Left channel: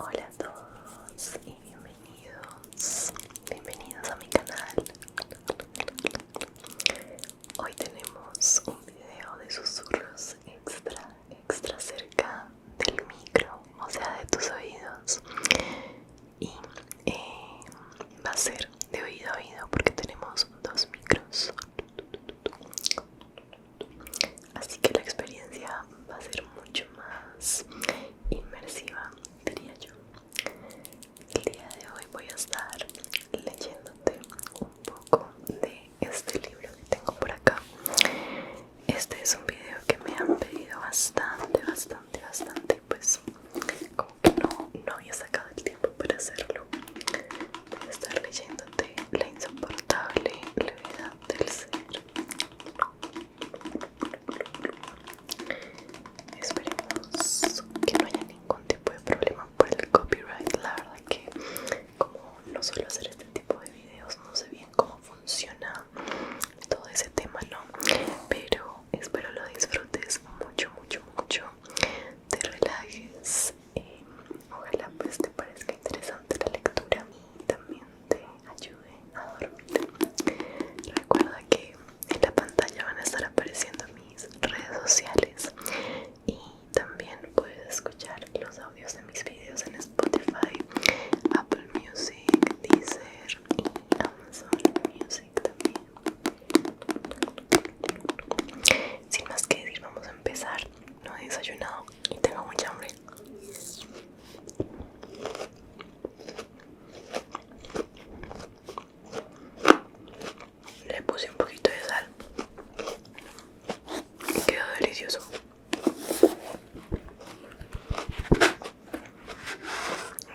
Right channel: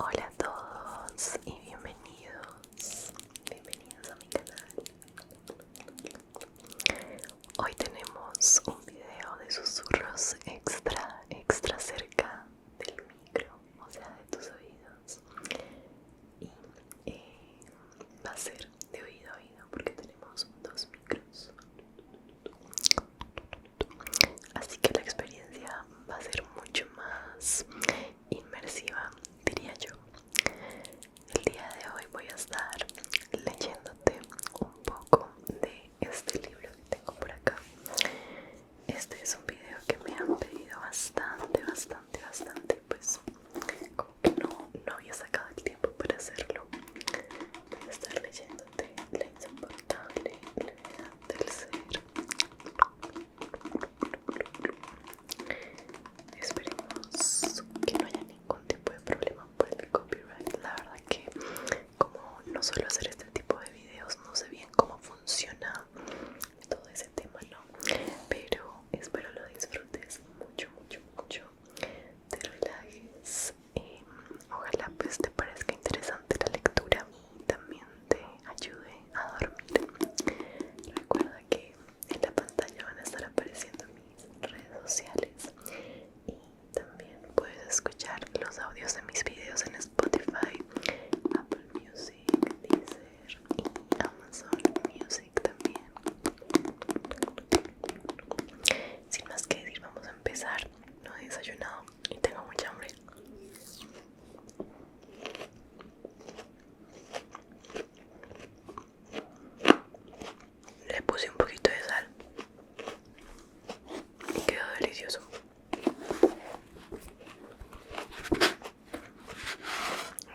Hola a todos y bienvenidos a mi canal. Hoy tenemos un video de susurros extra cerca del micro, o sea de tus oídos, y va a ser de oído a oído porque tenemos dos micros, así que la experiencia va a ser mucho más inmersiva, diría yo. El día de hoy voy a estar leyéndote un poco de este libro que tengo por acá. Este es un video que me han pedido bastante y pues como que no había sacado el tiempo para hacerlo. Voy a estar leyéndote La insoportable levedad del ser. Esperemos que no haya ningún tipo de problema por el copyright. La verdad que como no suelo hacer este tipo de videos, no sé bien cómo funciona todo ese tema, ¿no? Pero espero lo disfrutes mucho, te relajes, ojalá pues te parezca interesante la lectura y también te ayude a dormir. Recuerda que en la pantalla van a estar apareciendo mis redes sociales y también puedes escuchar los audios de mis videos en Spotify, Apple Music, Deezer y Amazon Music también. Sin más que decir, vamos a empezar. No he desayunado y tengo mucha hambre. Le puse un poquito de sal y quedó delicioso.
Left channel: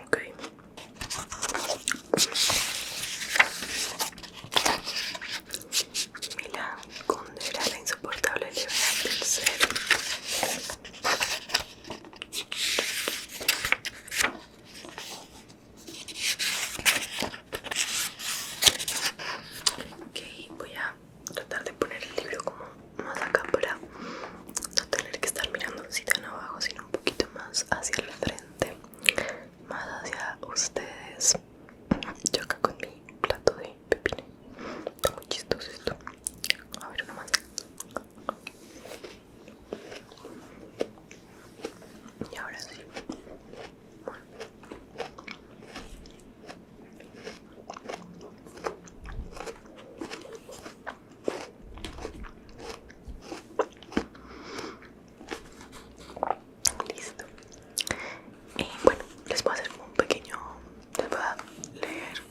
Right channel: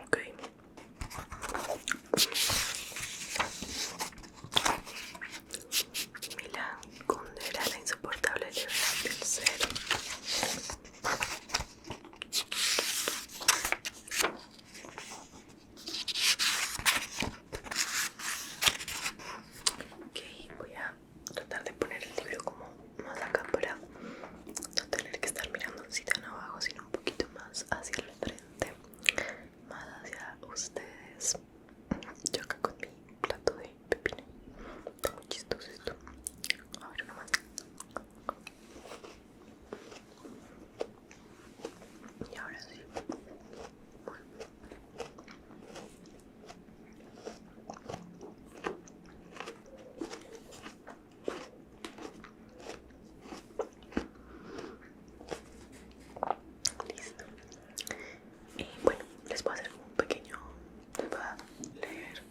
Ok. Milán Kundera, la insoportable levedad del ser. Ok, voy a tratar de poner el libro como más acá para no tener que estar mirando así tan abajo, sino un poquito más hacia la frente, más hacia ustedes. Yo acá con mi plato de pepino. Está muy chistoso esto. A ver, una más. Y ahora sí. Bueno. Listo. Bueno, les voy a hacer como un pequeño. Les voy a leer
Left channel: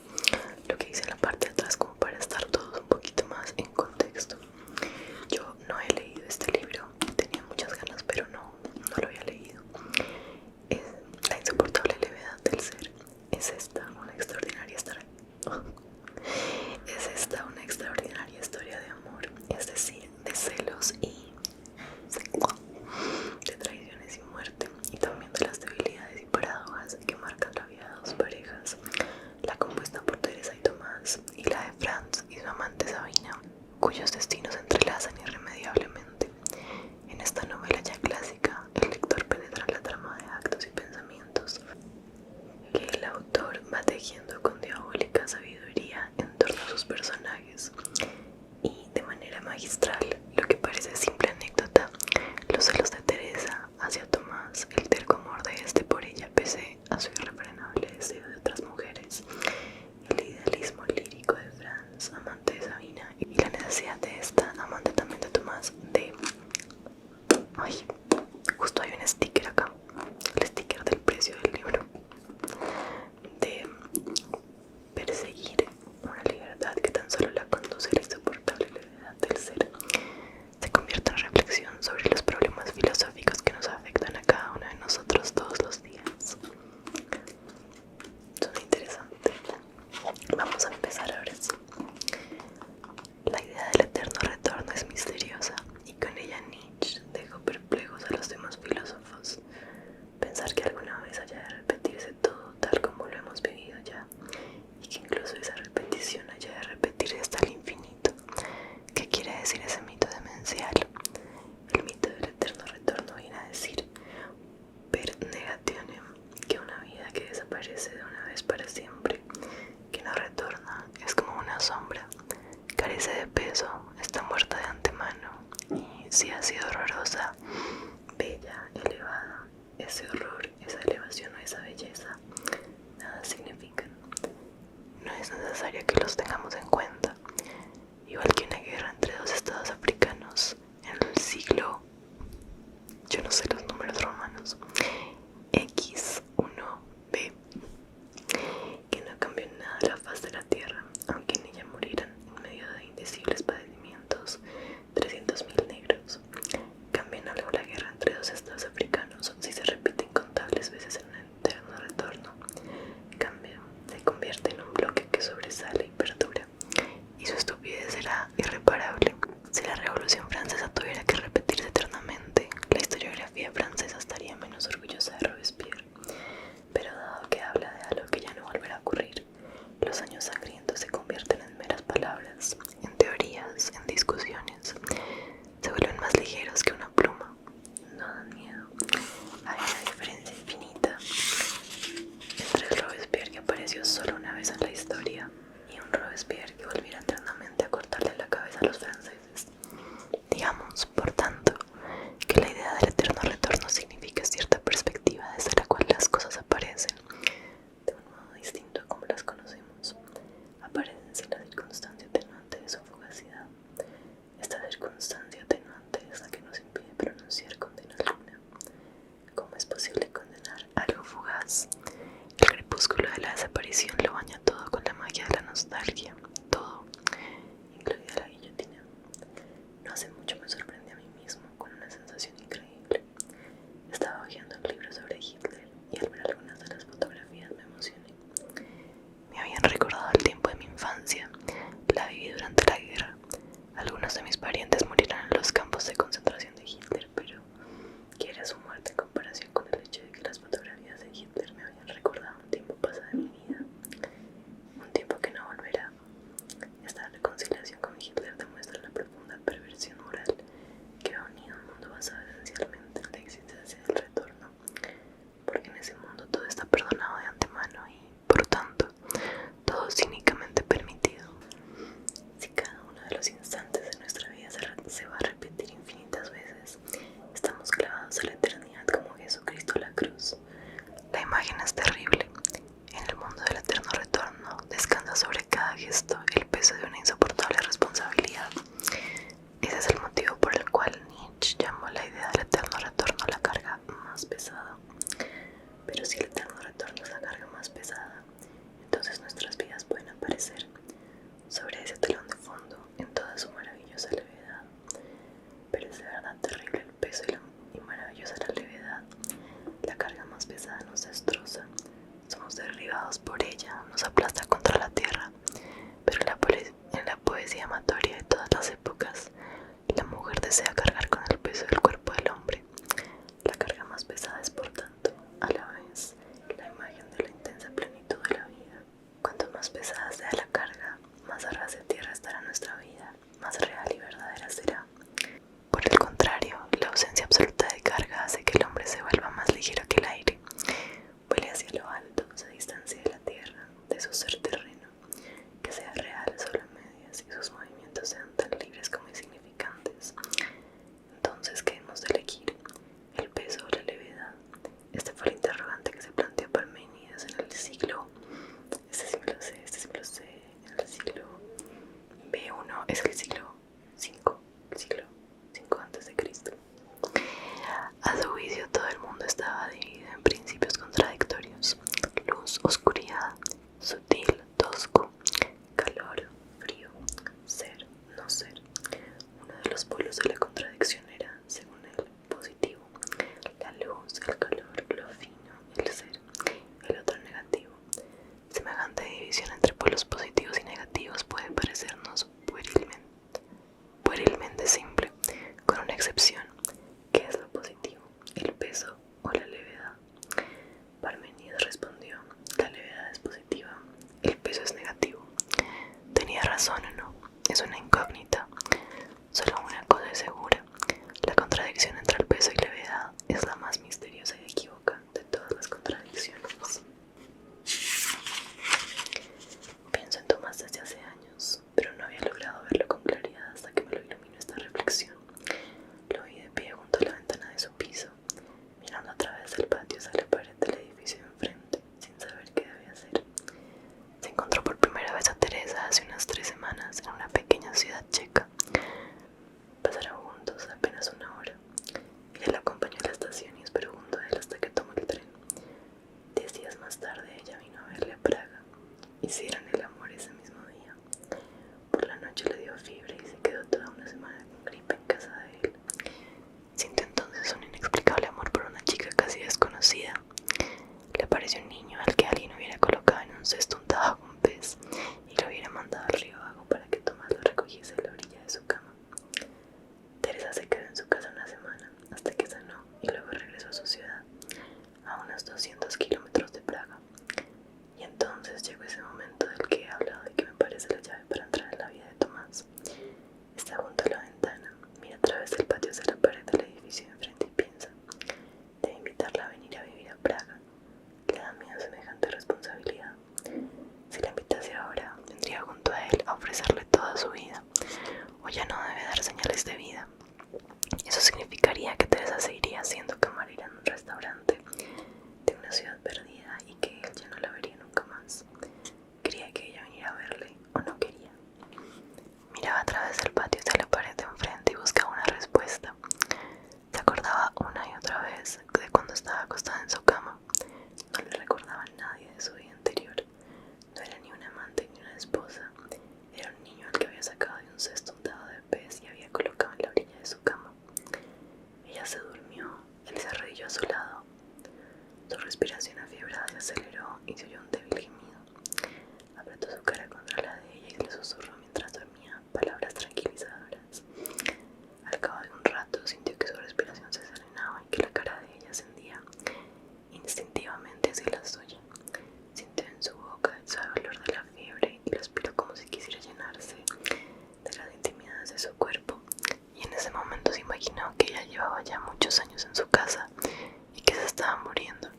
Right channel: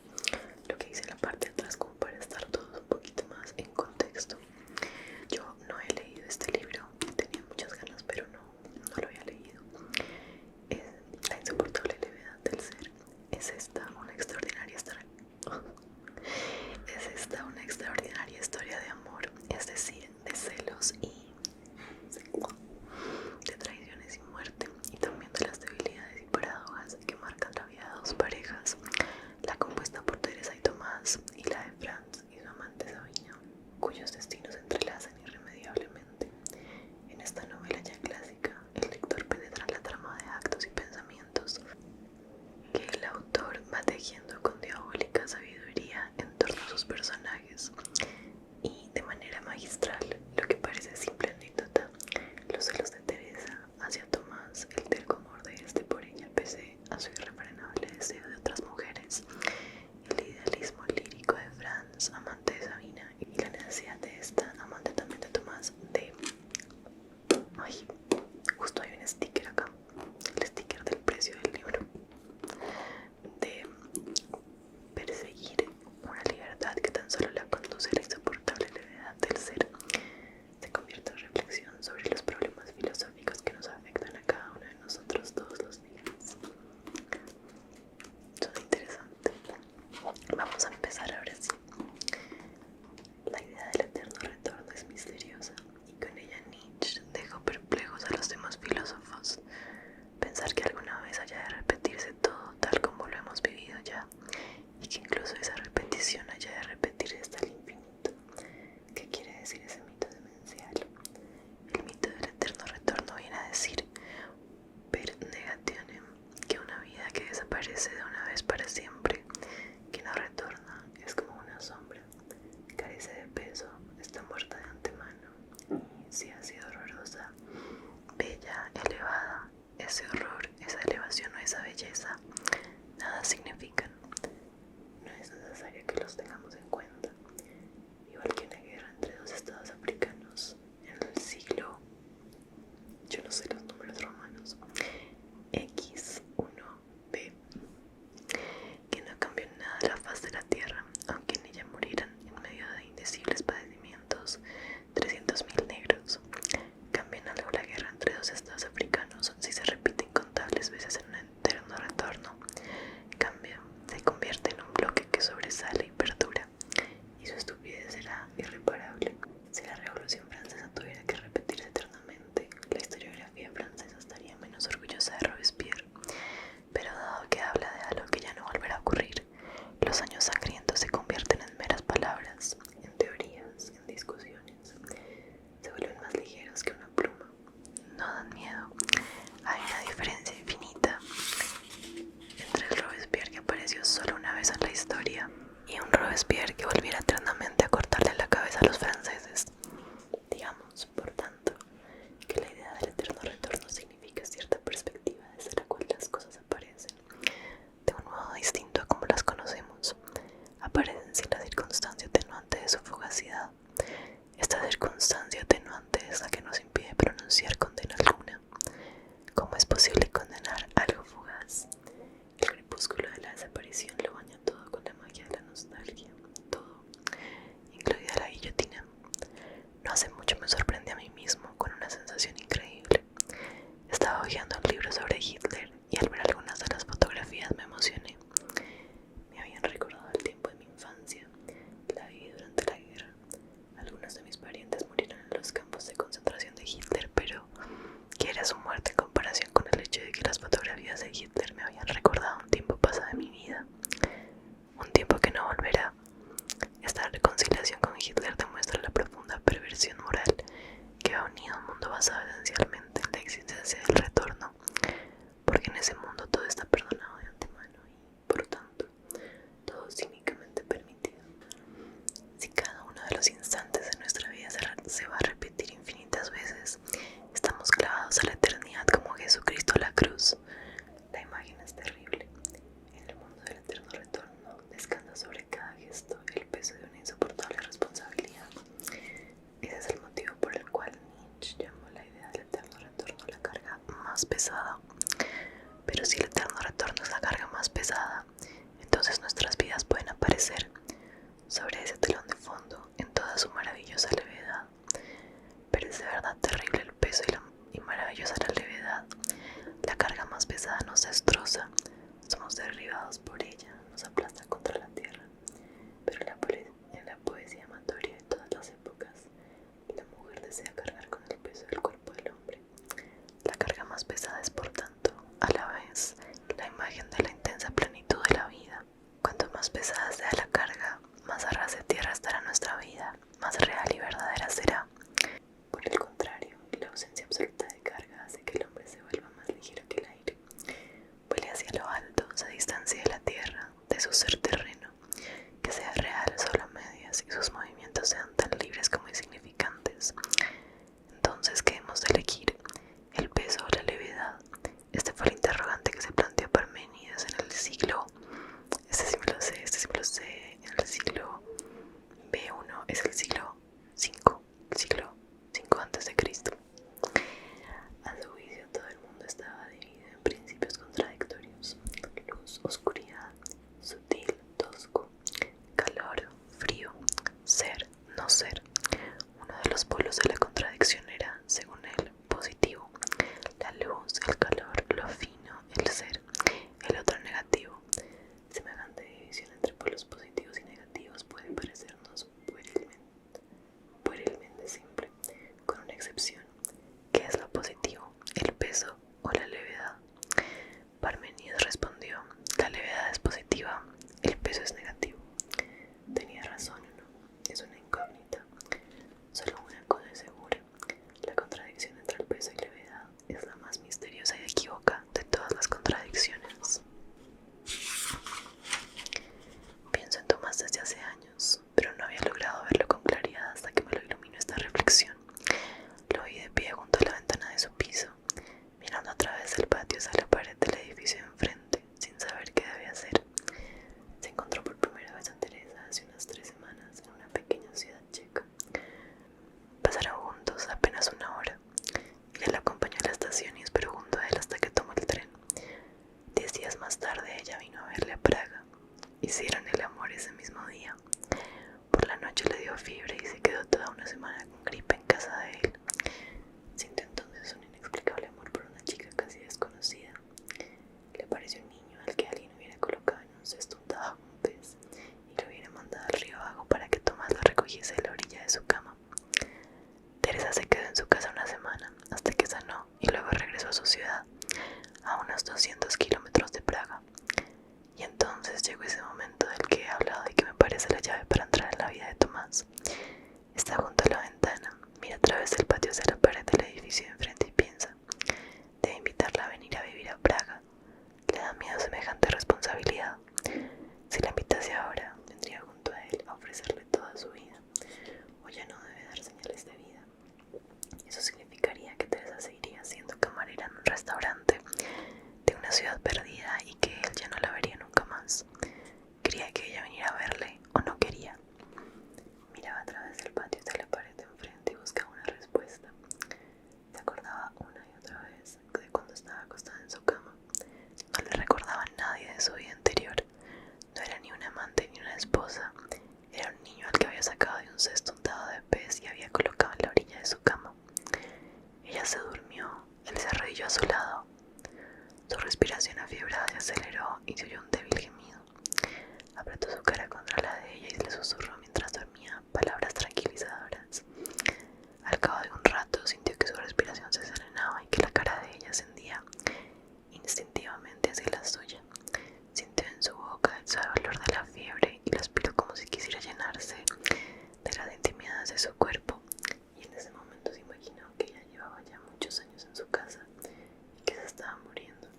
lo que dice en la parte de atrás, como para estar todos un poquito más en contexto. Yo no he leído este libro, tenía muchas ganas, pero no lo había leído. Es La insoportable levedad del ser. Es esta una extraordinaria historia. Es esta una extraordinaria historia de amor, es decir, de celos y de traiciones y muerte, y también de las debilidades y paradojas que marcan la vida de dos parejas, la compuesta por Teresa y Tomás y la de Franz y su amante Sabina, cuyos destinos se entrelazan irremediablemente. En esta novela ya clásica, el lector penetra en la trama de actos y pensamientos que el autor va tejiendo con diabólica sabiduría en torno a sus personajes, y de manera magistral, lo que parece simple anécdota, los celos de Teresa hacia Tomás, el terco amor de este por ella pese a su irrefrenable deseo de otras mujeres, el idealismo lírico de Franz, amante de Sabina, y la necesidad de esta, amante también de Tomás, de... Ay, justo hay un sticker acá, el sticker del precio del libro, de perseguir una libertad que tan solo la conduce a la insoportable levedad del ser, se convierte en reflexión sobre los problemas filosóficos que nos afectan a cada uno de nosotros todos los días. Suena interesante. Vamos a empezar ahora sí. La idea del eterno retorno es misteriosa, y con ella Nietzsche dejó perplejos a los demás filósofos. Pensar que alguna vez haya de repetirse todo tal como lo hemos vivido ya, y que incluso esa repetición haya de repetirse hasta el infinito. ¿Qué quiere decir ese mito demencial? El mito del eterno retorno viene a decir per negationem, que una vida que desaparece de una vez para siempre, que no retorna, es como una sombra, carece de peso, está muerta de antemano, y si ha sido horrorosa, bella, elevada, ese horror, esa elevación o esa belleza, nada significan. No es necesario que los tengamos en cuenta, igual que una guerra entre dos estados africanos en el siglo, yo no sé los números romanos, X1b, que no cambió en nada la faz de la tierra, aunque en ella murieran en medio de indecibles padecimientos 300.000 negros. Cambia en algo la guerra entre dos estados africanos si se repite incontables veces en un eterno retorno. Cambia, se convierte en un bloque que sobresale y perdura, y su estupidez será irreparable. Si la Revolución Francesa tuviera que repetirse eternamente, la historiografía francesa estaría menos orgullosa de Robespierre. Pero dado que habla de algo que ya no volverá a ocurrir, los años sangrientos se convierten en meras palabras, en teorías, en discusiones. Se vuelven más ligeros que una pluma. No dan miedo. Hay una diferencia infinita entre el Robespierre que apareció solo una vez en la historia y un Robespierre que volviera eternamente a cortarle la cabeza a los franceses. Digamos, por tanto, que la idea del eterno retorno significa cierta perspectiva desde la cual las cosas aparecen de un modo distinto a como las conocemos. Aparecen sin la circunstancia atenuante de su fugacidad. Esta circunstancia atenuante es la que nos impide pronunciar condena alguna. ¿Cómo es posible condenar algo fugaz? El crepúsculo de la desaparición lo baña todo con la magia de la nostalgia, todo, incluida la guillotina. No hace mucho me sorprendí a mí mismo con una sensación increíble. Estaba hojeando un libro sobre Hitler y al ver algunas de las fotografías me emocioné. Me habían recordado el tiempo de mi infancia. La viví durante la guerra. Algunos de mis parientes murieron en los campos de concentración de Hitler, pero ¿qué era su muerte en comparación con el hecho de que las fotografías de Hitler me habían recordado un tiempo pasado de mi vida? Un tiempo que no volverá. Esta reconciliación con Hitler demuestra la profunda perversión moral que ha unido un mundo basado esencialmente en la existencia del retorno, porque en ese mundo todo está perdonado de antemano y, por tanto, todo es cínicamente permitido. Si cada uno de los instantes de nuestra vida se va a repetir infinitas veces, estamos clavados a la eternidad como Jesucristo a la cruz. La imagen es terrible. En el mundo del eterno retorno descansa sobre cada gesto el peso de una insoportable responsabilidad. Ese es el motivo por el cual Nietzsche llamó la idea del eterno retorno la carga más pesada. Pero si el eterno retorno es la carga más pesada, entonces nuestras vidas pueden aparecer sobre ese telón de fondo en toda su maravillosa levedad. Pero es de verdad terrible el peso y maravillosa la levedad. La carga más pesada nos destroza, somos derribados por ella, nos aplasta contra la tierra. Pero en la poesía amatoria de todas las épocas, la mujer desea cargar con el peso del cuerpo del hombre. La carga más pesada es, por tanto, a la vez, la imagen de la intensa plenitud de la vida. Cuanto más pesada sea la carga, más a ras de tierra estará nuestra vida, más real y verdadera será. Por el contrario, la ausencia absoluta de carga hace que el hombre se vuelva más ligero que el aire, vuele hacia lo alto, se distancie de la tierra, de su ser terreno, que sea real solo a medias y sus movimientos sean tan libres como insignificantes. Entonces, ¿qué hemos de elegir? ¿El peso o la levedad? Este fue el interrogante que se planteó Parménides en el siglo, este sí me lo sé, en el siglo B1, es el siglo 5, el siglo 5 antes de Cristo. A su juicio, todo el mundo estaba dividido en principios contradictorios: luz, oscuridad, sutil, tosco, calor, frío, ser, no ser. Uno de los polos de la contradicción era, según él, positivo: la luz, el calor, lo fino, el ser. El otro negativo. Semejante división entre polos positivos y negativos puede parecernos puerilmente simple, con una excepción. ¿Qué es lo positivo? ¿El peso o la levedad? Parménides respondió: la levedad es positiva, el peso es negativo. ¿Tenía razón o no? Es una incógnita. Solo una cosa es segura: la contradicción entre el peso y levedad es la más misteriosa y equívoca de todas las contradicciones. tarde ella vino a verle a Praga. Hicieron el amor ese mismo día. Por la noche le dio fiebre y se quedó toda una semana con gripe en casa de él. Sintió entonces un inexplicable amor por una chica casi desconocida. Le pareció un niño al que alguien hubiera colocado en un cesto untado con pez y lo hubiera mandado al río Abajo para que Tomás lo recogiese de la orilla de su cama. Teresa se quedó en su casa una semana hasta que sanó y luego regresó a su ciudad, a unos 200 kilómetros de Praga. Y entonces llegó ese momento del que he hablado y que me parece la llave para entrar en la vida de Tomás. Está junto a la ventana, mira a través del patio hacia la pared del edificio de enfrente y piensa: debe invitarla a venir a vivir a Praga. Le da miedo semejante responsabilidad. Si la invitase ahora, vendría junto a él a ofrecerle toda su vida, o ya no debe dar señales de vida. Eso significaría que Teresa seguiría siendo camarera en un restaurante de una ciudad perdida y que él ya no la vería nunca más. ¿Quería que ella viniera a verle o no quería? Miraba a través del patio hacia la pared de enfrente y buscaba una respuesta. Se acordaba una y otra vez de cuando estaba acostada en su cama. No le recordaba a nadie de su vida anterior. No era ni un amante ni una esposa. Era un niño al que había sacado de un cesto untado de pez y había colocado en la orilla de su cama. Ella se durmió. Él se arrodilló a su lado. Su respiración afiebrada se aceleró y se oyó un débil gemido. Apretó su cara contra la de ella y le susurró mientras dormía palabras tranquilizadoras. Al cabo de un rato sintió que su respiración se serenaba y que la cara de ella ascendía instintivamente hacia la suya. Sintió en su boca el suave olor de la fiebre y lo aspiró como si quisiera llenarse de las intimidades de su cuerpo. Y en ese momento se imaginó que ella llevaba ya muchos años en su casa y que se estaba muriendo.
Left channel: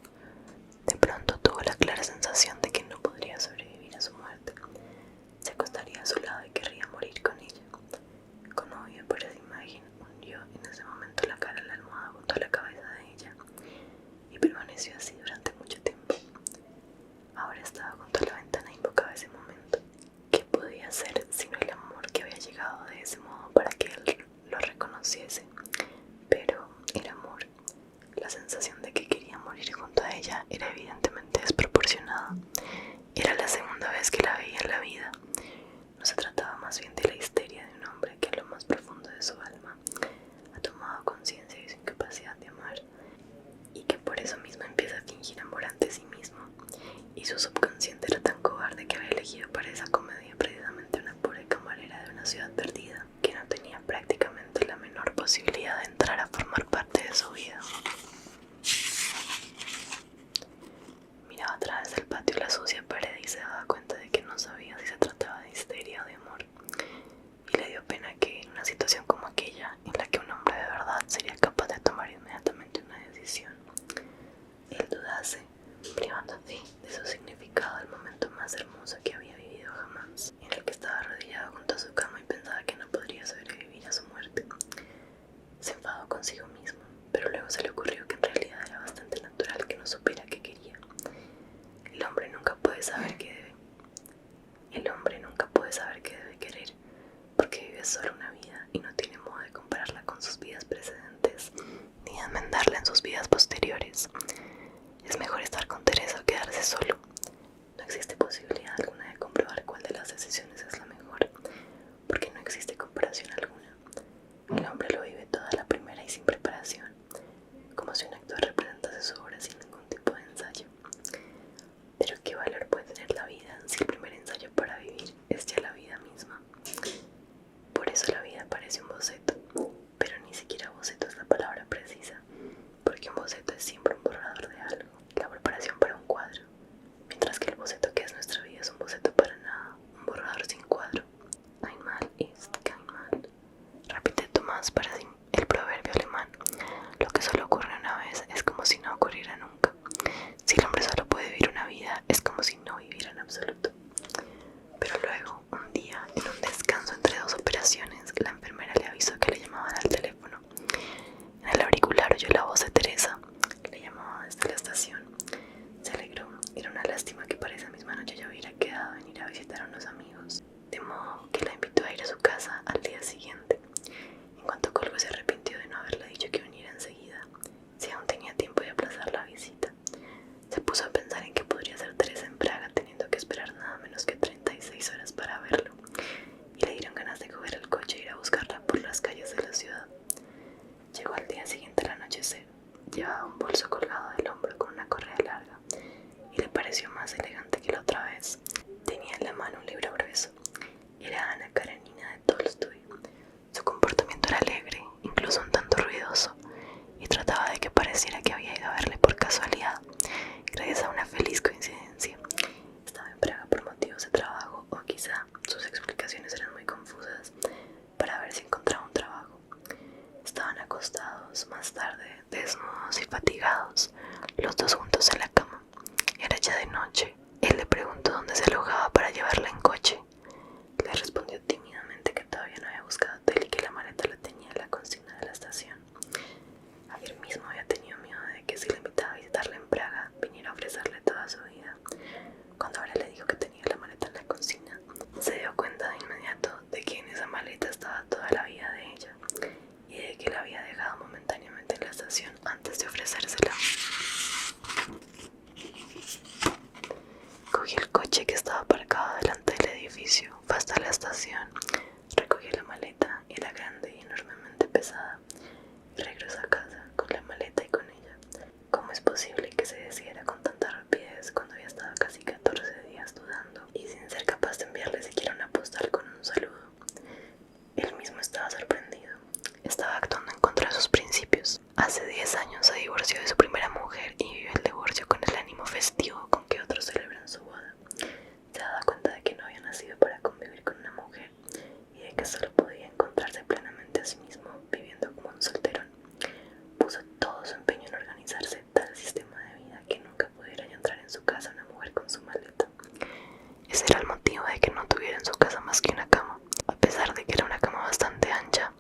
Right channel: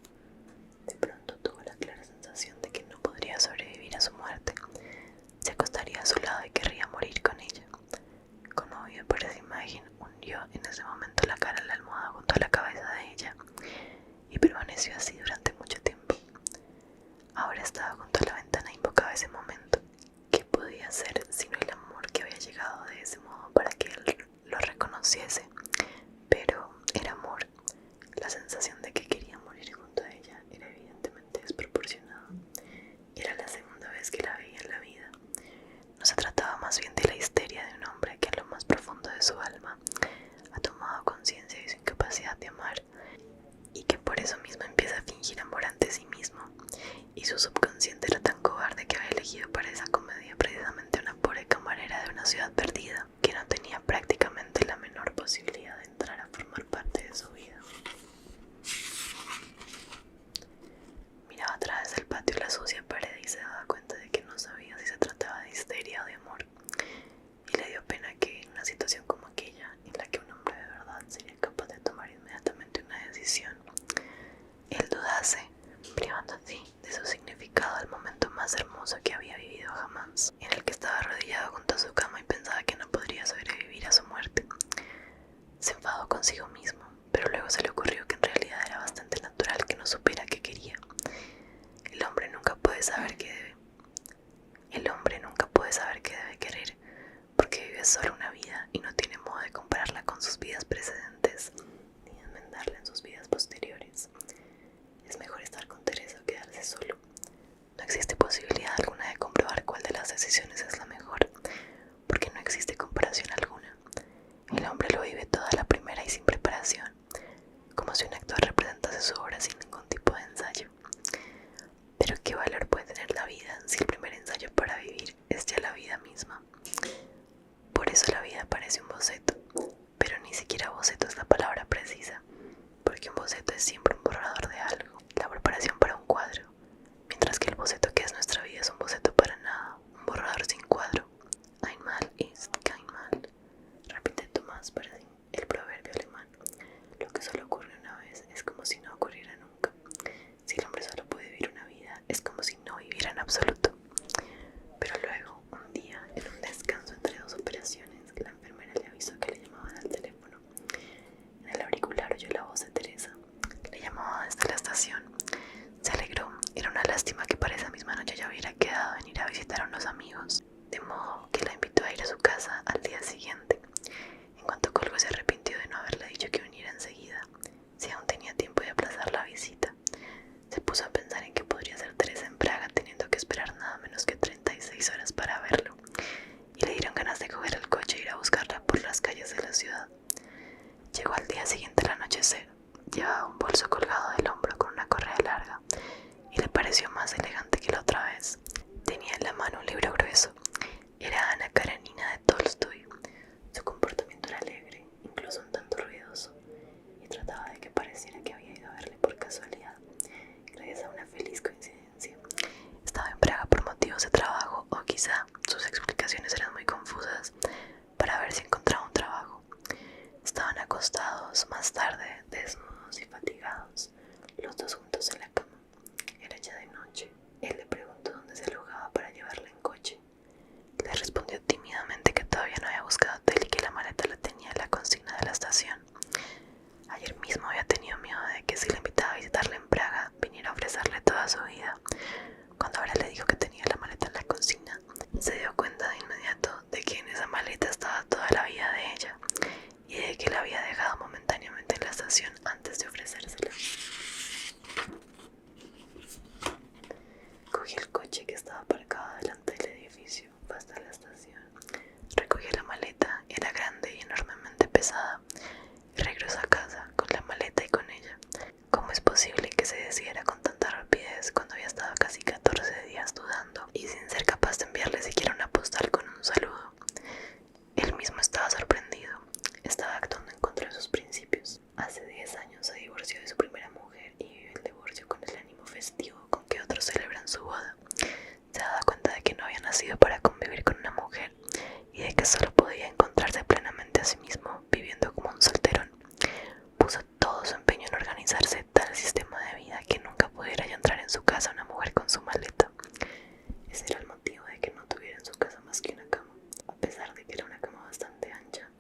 De pronto tuvo la clara sensación de que no podría sobrevivir a su muerte. Se acostaría a su lado y querría morir con ella. Conmovido por esa imagen, hundió en ese momento la cara en la almohada junto a la cabeza de ella y permaneció así durante mucho tiempo. Ahora estaba junto a la ventana e invocaba ese momento. ¿Qué podía ser sino el amor que había llegado de ese modo para que él lo reconociese? Pero era amor. La sensación de que quería morir junto a ella era evidentemente desproporcionada. Era la segunda vez que la veía en la vida. No se trataba más bien de la histeria de un hombre que en lo más profundo de su alma ha tomado conciencia de su incapacidad de amar y que por eso mismo empieza a fingir amor ante sí mismo. Y su subconsciente era tan cobarde que había elegido para esa comedia precisamente una pobre camarera de una ciudad perdida que no tenía prácticamente la menor posibilidad de entrar a formar parte de su vida. Miraba a través del patio la sucia pared y se daba cuenta de que no sabía si se trataba de histeria o de amor. Y le dio pena que en una situación como aquella, en la que un hombre de verdad sería capaz de tomar inmediatamente una decisión, él dudase, privando así de su significado el momento más hermoso que había vivido jamás, en el que estaba arrodillado junto a su cama y pensaba que no podría sobrevivir a su muerte. Se enfadó consigo mismo, pero luego se le ocurrió que en realidad era bastante natural que no supiera qué quería. El hombre nunca puede saber qué debe. El hombre nunca puede saber qué debe querer, porque vive solo una vida y no tiene modo de compararla con sus vidas precedentes, ni de enmendarla en sus vidas posteriores. Es mejor estar con Teresa o quedarse solo. No existe posibilidad alguna de comprobar cuál de las decisiones es la mejor, porque no existe comparación alguna. El hombre lo vive toda a la primera y sin preparación, como si un actor representase su obra sin ningún tipo de ensayo. Pero ¿qué valor puede tener la vida si el primer ensayo para vivir es ya la vida misma? Por eso la vida parece un boceto, pero ni siquiera boceto es la palabra precisa, porque un boceto es siempre un borrador de algo, la preparación para un cuadro, mientras que el boceto que es nuestra vida es un boceto para nada, un borrador sin pareció más elegante que la otra vez. Tenía en la mano un libro grueso. Era Ana Karenina de Tolstoy. Su comportamiento era alegre, incluso un tanto ruidoso, y trataba de que pareciera que había ido a verle por casualidad, gracias a una feliz coincidencia. Estaba en Praga por motivos de trabajo, o quizá sus explicaciones eran muy confusas, para ver si encontraba un trabajo. Estaban acostados más tarde, desnudos y fatigados, los dos juntos en la cama. Era ya de noche. Él le preguntó dónde se alojaba para llevarla en coche. Le respondió tímidamente que todavía no había buscado hotel y que la maleta la tenía en la consigna de la estación. Ayer mismo había tenido miedo de que si le invitaba a visitarla en Praga, viniera a ofrecerle toda su vida. Cuando ahora le dijo que tenía la maleta en la consigna, se dio cuenta de inmediato de que en esa maleta estaba toda la vida de ella y de que la había dejado momentáneamente en la estación antes de ofrecérsela. Cogió el coche que estaba aparcado delante del edificio, fue hasta la estación, recogió la maleta, era grande y enormemente pesada, y regresó a casa con la maleta y con ella. ¿Cómo es posible que se decidiera con tanta rapidez cuando había estado casi 14 días dudando y sin ser capaz de enviarle siquiera una postal con un saludo? Él mismo estaba sorprendido, estaba actuando en contra de sus principios. Hace 10 años se divorció de su primera mujer y vivió el divorcio con el ánimo festivo con que otros celebran su boda. Se daba cuenta de que no había nacido para convivir con una mujer y de que solo podía encontrarse plenamente a sí mismo viviendo como un solterón. Puso todo su empeño en organizarse tal sistema de vida que nunca pudiera ya entrar en su casa una mujer con su maleta. Ese era el motivo de que no tuviera en su casa más que una cama. A pesar de que era una cama bastante ancha,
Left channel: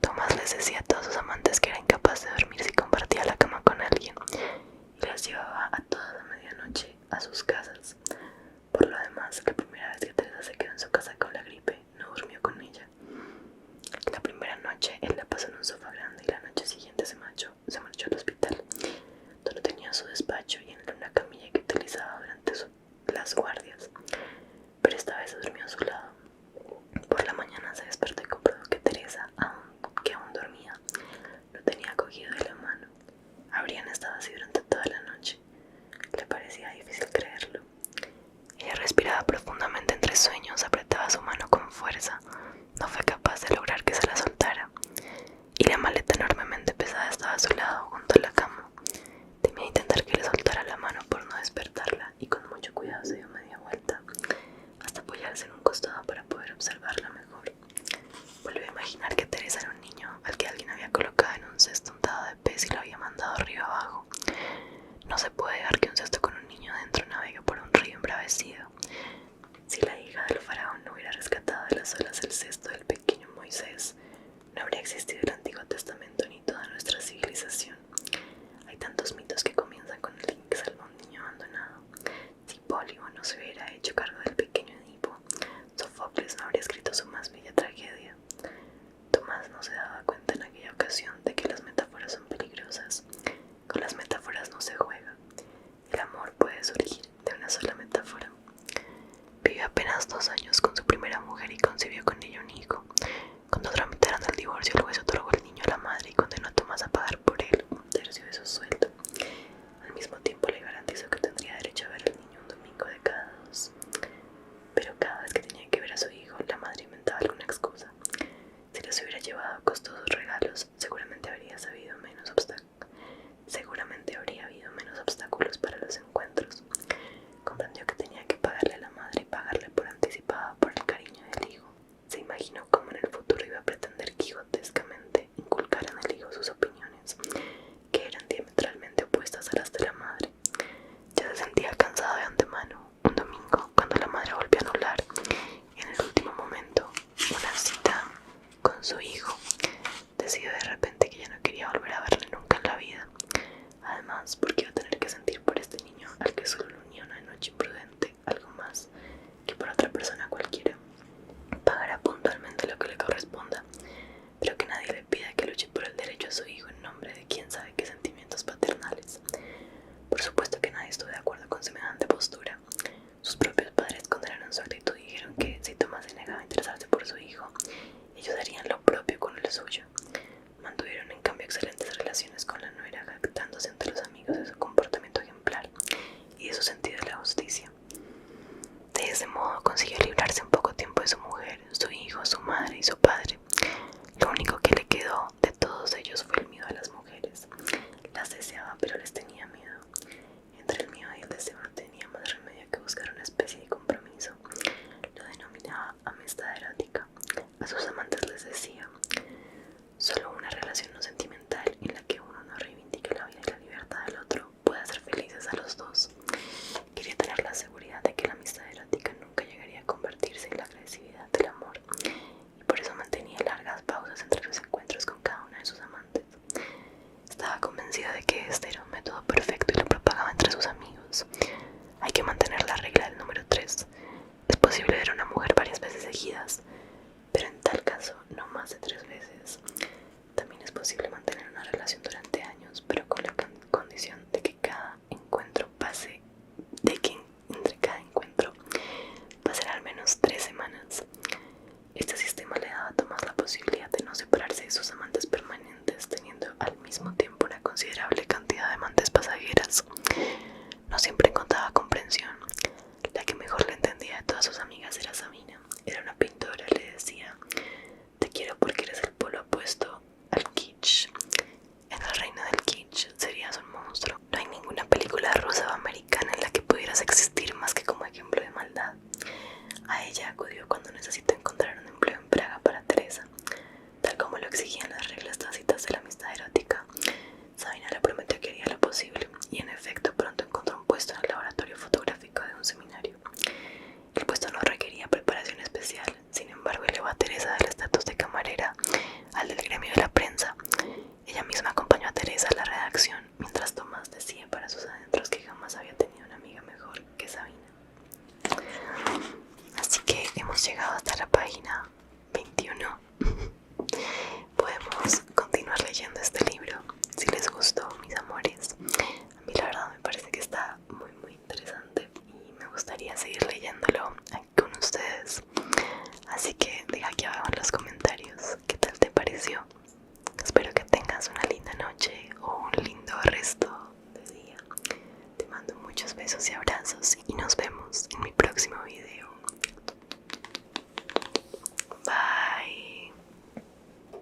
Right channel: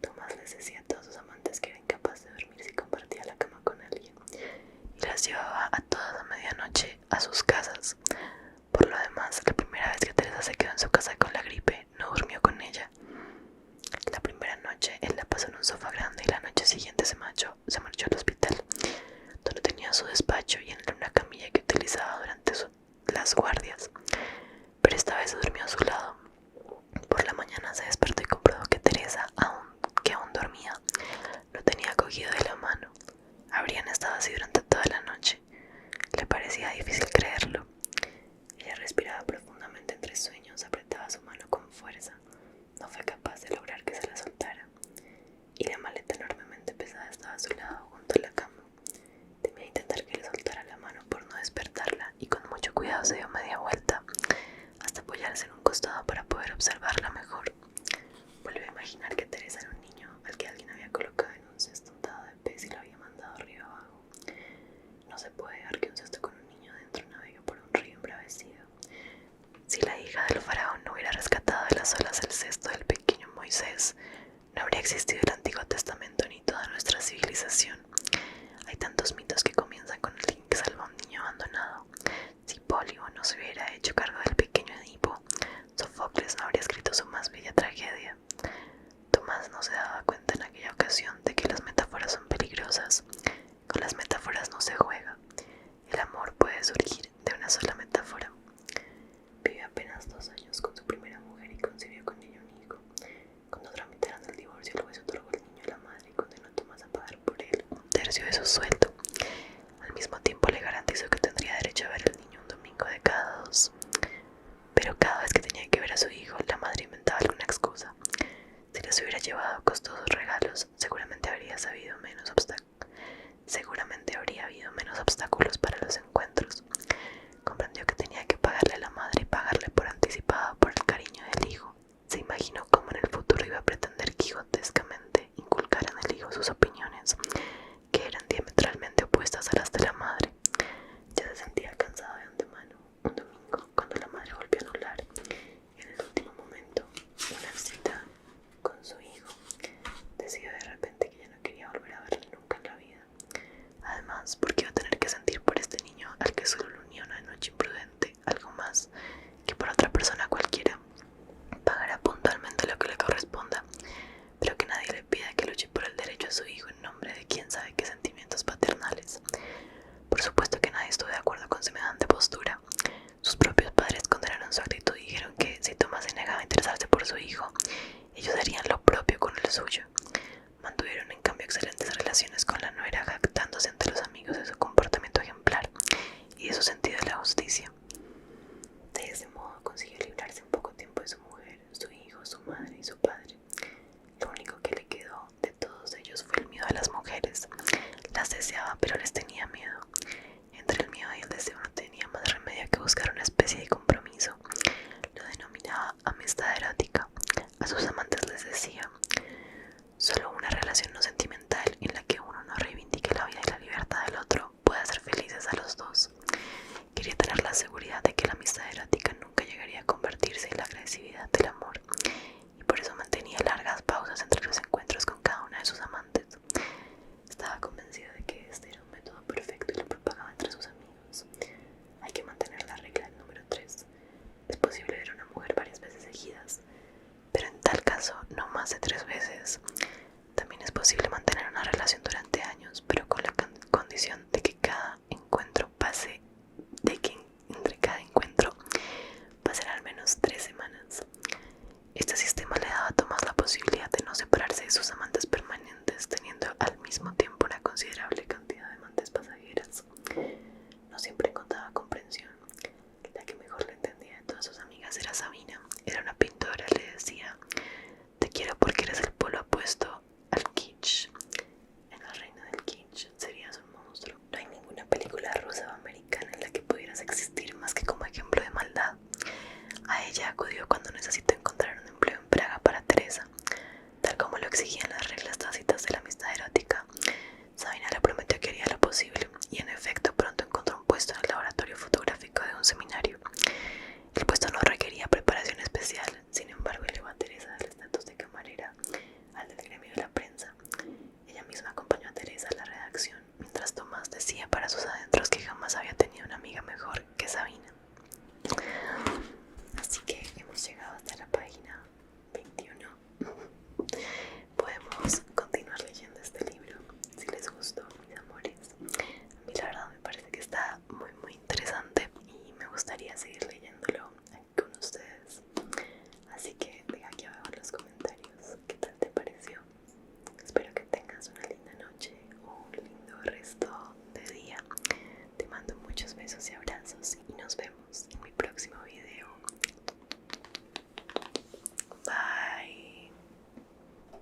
Tomás les decía a todos sus amantes que era incapaz de dormir si compartía la cama con alguien, y las llevaba a todas a medianoche a sus casas. Por lo demás, la primera vez que Teresa se quedó en su casa con la gripe, no durmió con ella. La primera noche él la pasó en un sofá grande y la noche siguiente se marchó al hospital, donde tenía su despacho y en él una camilla que utilizaba durante las guardias, pero esta vez durmió a su lado. Por la mañana se despertó y comprobó que Teresa, que aún dormía, lo tenía cogido de la mano. Habrían estado así durante toda la noche. Le parecía difícil creerlo. Ella respiraba profundamente entre sueños, apretaba su mano con fuerza. No fue capaz de lograr que se la soltara. Y la maleta enormemente pesada estaba a su lado, junto a la cama. Temía intentar que le soltara la mano por no despertarla y con mucho cuidado se dio media vuelta, hasta apoyarse en un costado para poder observarla mejor. Volvió a imaginar que Teresa era un niño al que alguien había colocado en un cesto untado de pez y lo había mandado río abajo. No se puede dejar que un cesto con un niño dentro navegue por un río embravecido. Si la hija del faraón no hubiera rescatado de las olas el cesto del pequeño Moisés, no habría existido el Antiguo Testamento ni toda nuestra civilización. Hay tantos mitos que comienzan con alguien que salva a un niño abandonado. Si Polio no se hubiera hecho cargo del pequeño Edipo, Sofocles no habría escrito su más bella tragedia. Tomás no se daba cuenta en aquella ocasión de que las metáforas son peligrosas. Con las metáforas no se juega. El amor puede surgir de una sola metáfora. Vivió apenas 2 años con su primera mujer y concibió con ella un hijo. Cuando tramitaron el divorcio, el juez otorgó el niño a la madre y condenó a Tomás a pagar por él 1/3 de su sueldo. Al mismo tiempo le garantizó que tendría derecho a ver al niño un domingo de cada 2. Pero cada vez que tenía que ver a su hijo, la madre inventaba alguna excusa. Si les hubiera llevado costosos regalos, seguramente habría sabido menos especial. Sin embargo, elevó a Teresa del estatus de camarera al del gremio de la prensa. Ella misma acompañó a Teresa a la redacción, mientras Tomás decía para sus adentros que jamás había tenido una amiga mejor que Sabina. Así que hemos llegado hasta la página 21. Podemos continuar leyendo este libro si les gustó, mis amores. A mí la verdad me parece que está muy interesante y me gustaría seguir leyéndolo aquí con ustedes. Así que deja aquí abajo en los comentarios qué tal te pareció. Espero que tengas una linda noche o un lindo resto de día. Te mando muchos besos y abrazos.